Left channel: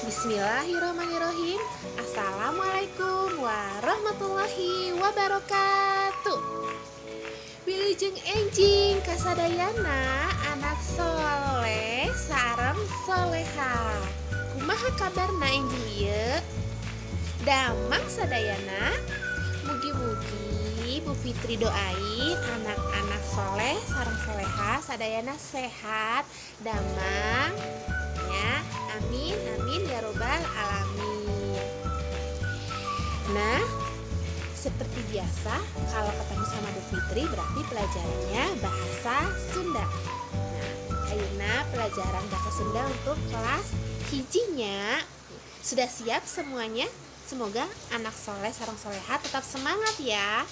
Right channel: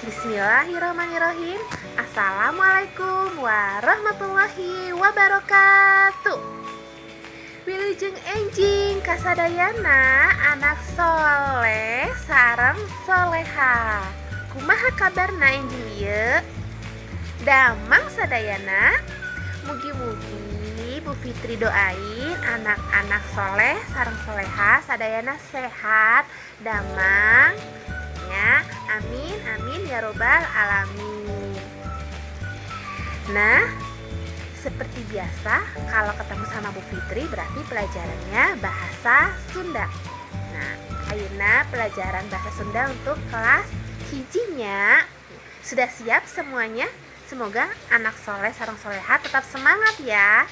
Bismillahirrahmanirrahim. Assalamualaikum warahmatullahi wabarakatuh. Wilujeng enjing kasadayana anak soleh sareng soleha. Kumaha kabarna enjing ieu? Damang sadayana. Mugi-mugi Bu Fitri doain anak-anak soleh sareng soleha sadayana sehat, damang ya. Amin amin ya robbal alamin. Nah, seperti biasa kalau ketemu sama Bu Fitri berarti pelajarannya bahasa Sunda. Nah, ayeuna pelajaran bahasa Sunda untuk kelas hijinya. Sudah siap semuanya? Semoga anak soleh sareng soleha tetap semangat ya.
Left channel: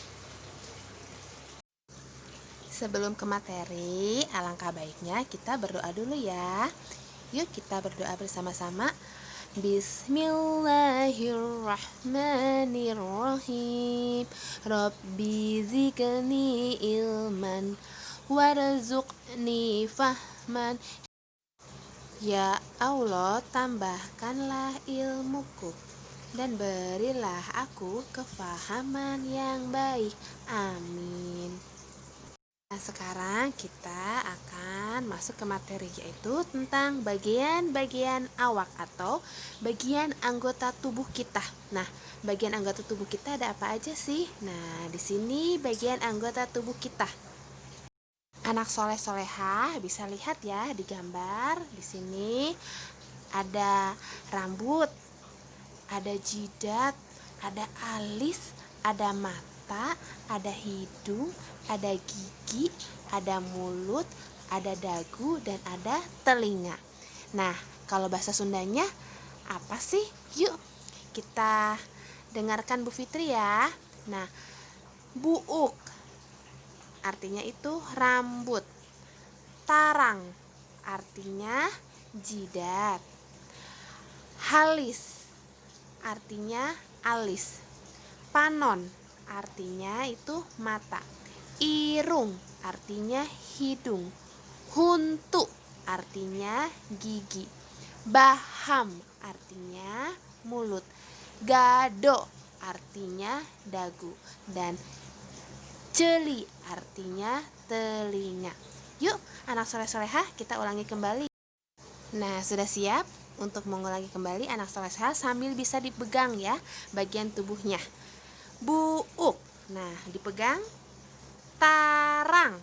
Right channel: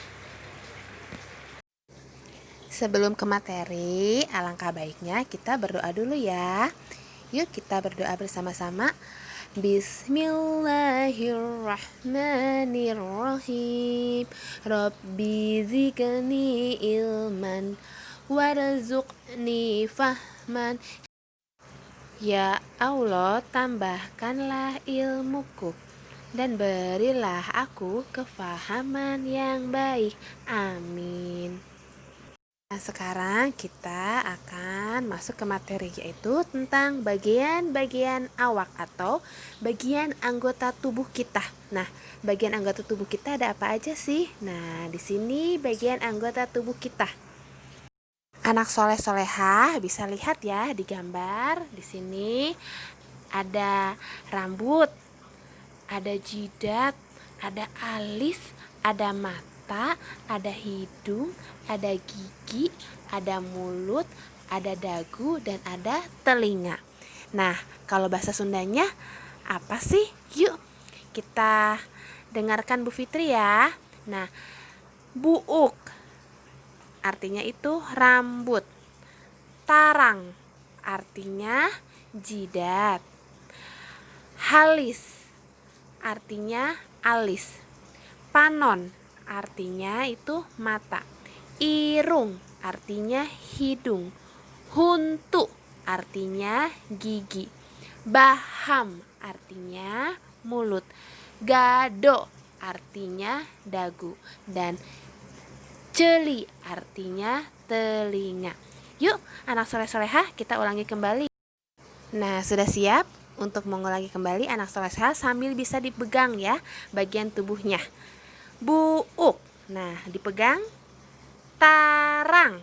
Sebelum ke materi, alangkah baiknya kita berdoa dulu ya. Yuk kita berdoa bersama-sama. Bismillahirrahmanirrahim. Rabbi zidni ilman warzuqni fahman. Ya Allah, tambahkanlah ilmuku dan berilah aku kefahaman yang baik. Amin. Nah, sekarang kita akan masuk ke materi, yaitu tentang bagian-bagian awak atau bagian anggota tubuh kita. Nah, bagian anggota tubuh kita ada apa aja sih? Nah, di sini bagian anggota tubuh kita. Anak soleh-solehah bisa lihat ya di gambar. Di sini ada rambut, ada jidat, ada alis, ada mata, ada hidung, ada gigi, ada mulut, ada dagu, dan ada telinga. Nah, kalau bahasa Sundanya apa sih? Yuk kita dengarkan Bu Fitri ya. Nah, buuk artinya itu rambut. Tarang artinya jidat. Halis artinya alis. Panon artinya itu mata. Irung artinya hidung. Huntu artinya gigi. Baham artinya mulut. Gado artinya dagu. Dan celi artinya telinga. Yuk anak soleh-solehah kita ulangi kembali. Nah, sudah siap untuk mengulangi kembali anak soleh-solehah sambil bisa dipegang ya bagian tubuhnya. Buuk, nah dipegang. Tarang,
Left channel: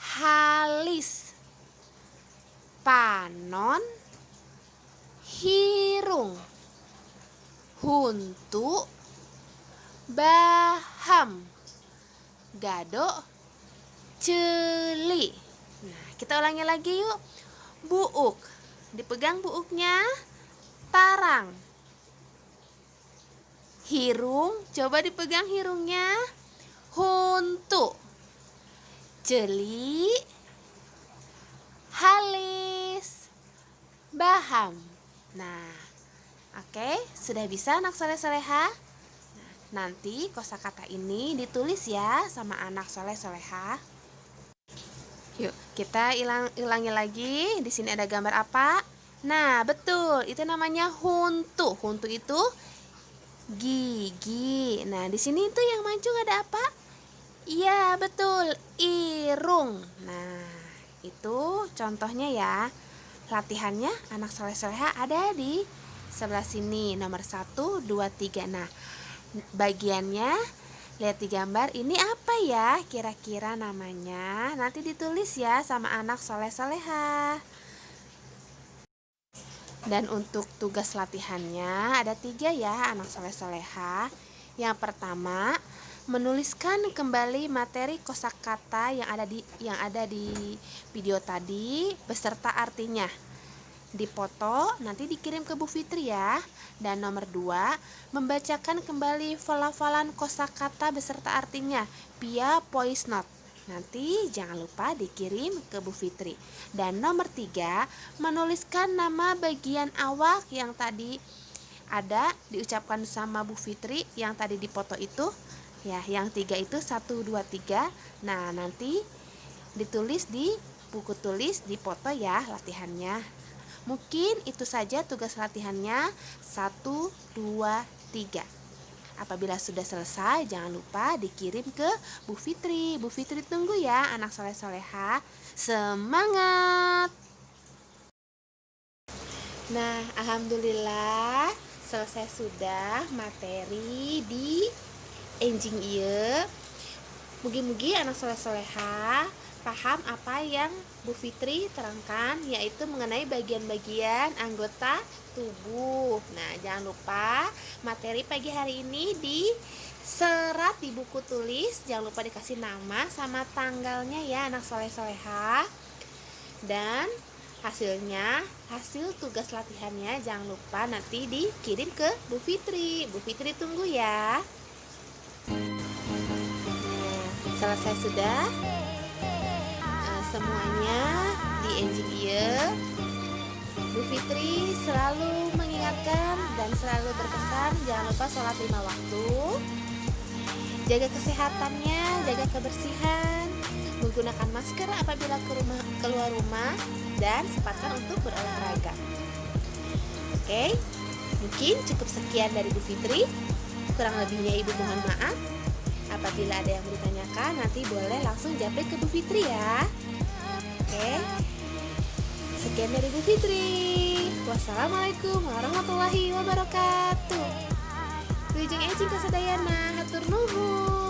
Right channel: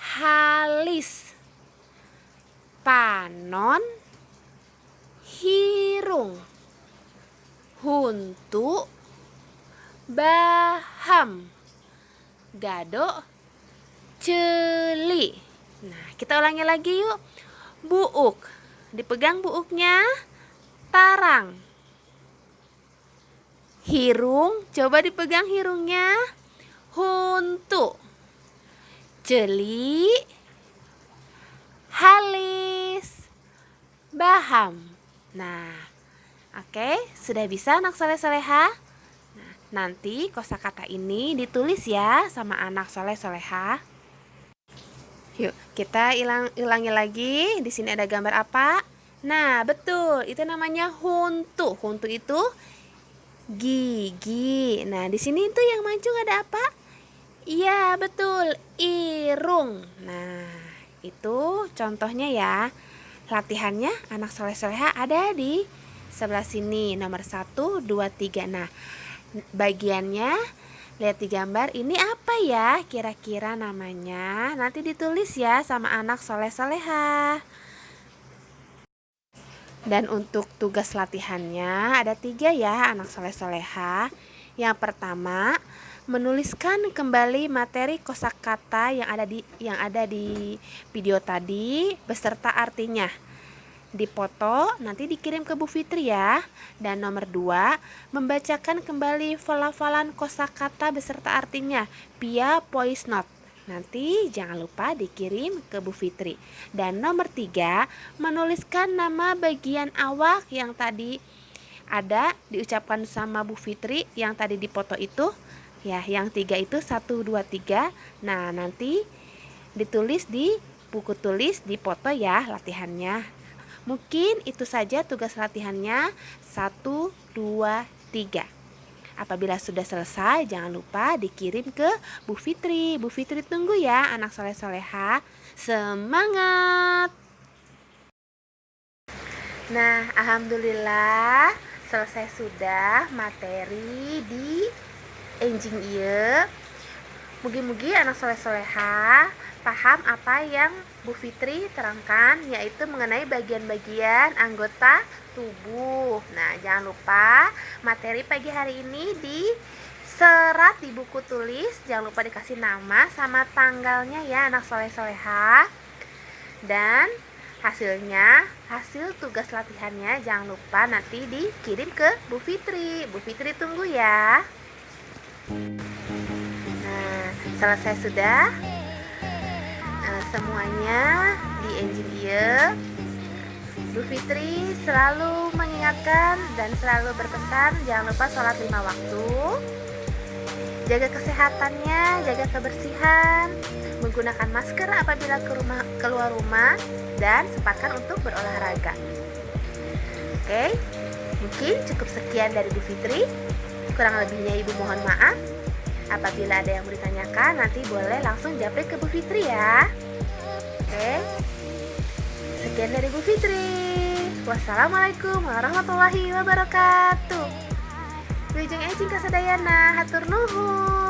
halis, panon, hirung, huntu, baham, gado, celi. Nah, kita ulangi lagi yuk. Buuk, dipegang buuknya. Tarang, hirung, coba dipegang hirungnya. Huntu, jeli, halis, baham. Nah, oke, sudah bisa anak soleh-soleha? Nah, nanti kosakata ini ditulis ya sama anak soleh-soleha. Yuk, kita ulangi lagi. Di sini ada gambar apa? Nah, betul, itu namanya huntu. Huntu itu gigi. Nah, di sini itu yang mancung ada apa? Iya betul, irung. Nah, itu contohnya ya. Latihannya anak soleh-soleha ada di sebelah sini. Nomor 1, 2, 3. Nah, bagiannya lihat di gambar. Ini apa ya kira-kira namanya? Nanti ditulis ya sama anak soleh-soleha. Dan untuk tugas latihannya ada 3 ya anak soleh-soleha. Yang pertama, menuliskan kembali materi kosakata yang ada di video tadi beserta artinya. Dipoto nanti dikirim ke Bu Fitri ya. Dan nomor 2, membacakan kembali pelafalan kosakata beserta artinya via voice note. Nanti jangan lupa dikirim ke Bu Fitri. Dan nomor 3, menuliskan nama bagian awak yang tadi ada diucapkan sama Bu Fitri yang tadi dipoto itu. Ya, yang 3 itu 1, 2, 3. Nah, nanti ditulis di buku tulis, dipoto ya latihannya. Mungkin itu saja tugas latihannya 1, 2, 3. Apabila sudah selesai, jangan lupa dikirim ke Bu Fitri. Bu Fitri tunggu ya anak soleh-soleha. Semangat! Nah, alhamdulillah selesai sudah materi di enjing ieu. Mugi-mugi anak soleh-soleha paham apa yang Bu Fitri terangkan, yaitu mengenai bagian-bagian anggota tubuh. Nah, jangan lupa materi pagi hari ini diserat di buku tulis. Jangan lupa dikasih nama sama tanggalnya ya anak soleh-soleha. Dan hasil tugas latihannya jangan lupa nanti dikirim ke Bu Fitri. Bu Fitri tunggu ya. Nah, selesai sudah semuanya di enjing ieu. Bu Fitri selalu mengingatkan dan selalu berpesan jangan lupa sholat 5 waktu, jaga kesehatannya, jaga kebersihan, menggunakan masker apabila keluar rumah, dan sempatkan untuk berolahraga. Oke, mungkin cukup sekian dari Bu Fitri. Kurang lebihnya Ibu mohon maaf. Apabila ada yang mau ditanyakan, nanti boleh langsung japri ke Bu Fitri ya. Oke, sekian dari Bu Fitri. Wassalamualaikum warahmatullahi wabarakatuh. Wilujeng ejing kasadayana, hatur nuhun.